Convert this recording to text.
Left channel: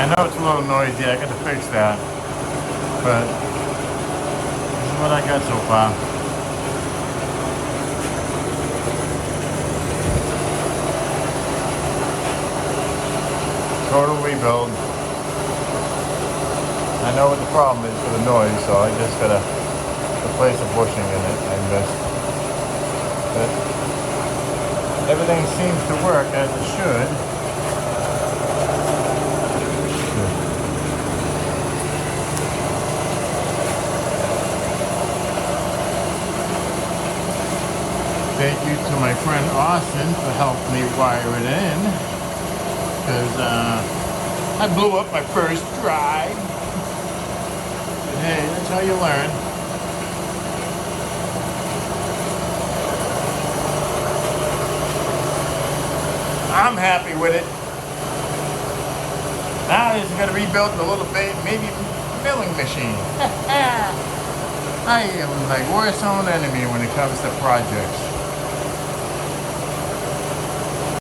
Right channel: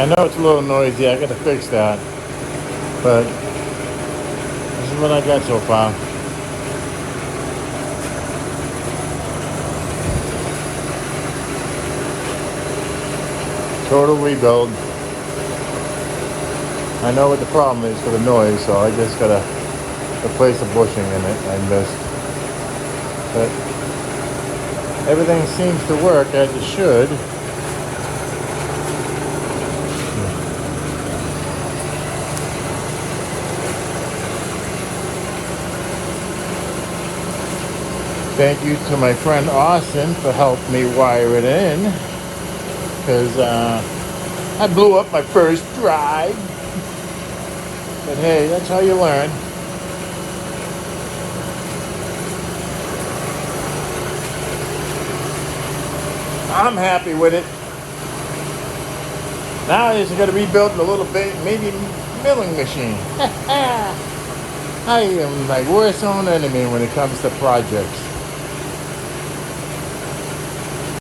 I know it's a little noisy, I gotta fix that. But this is what I got so far. Total rebuild. I know what the problem is for the noise, so I just gotta replace the bushing in it and just. But everything seems to work as it should. Thank you to my friend Austin for helping me wire it in, because I blew up my first drive. But hey, that's how you learn. I'm happy with it. Now I just got to rebuild a little bit, maybe milling machine. I am my worst own enemy when it comes to projects.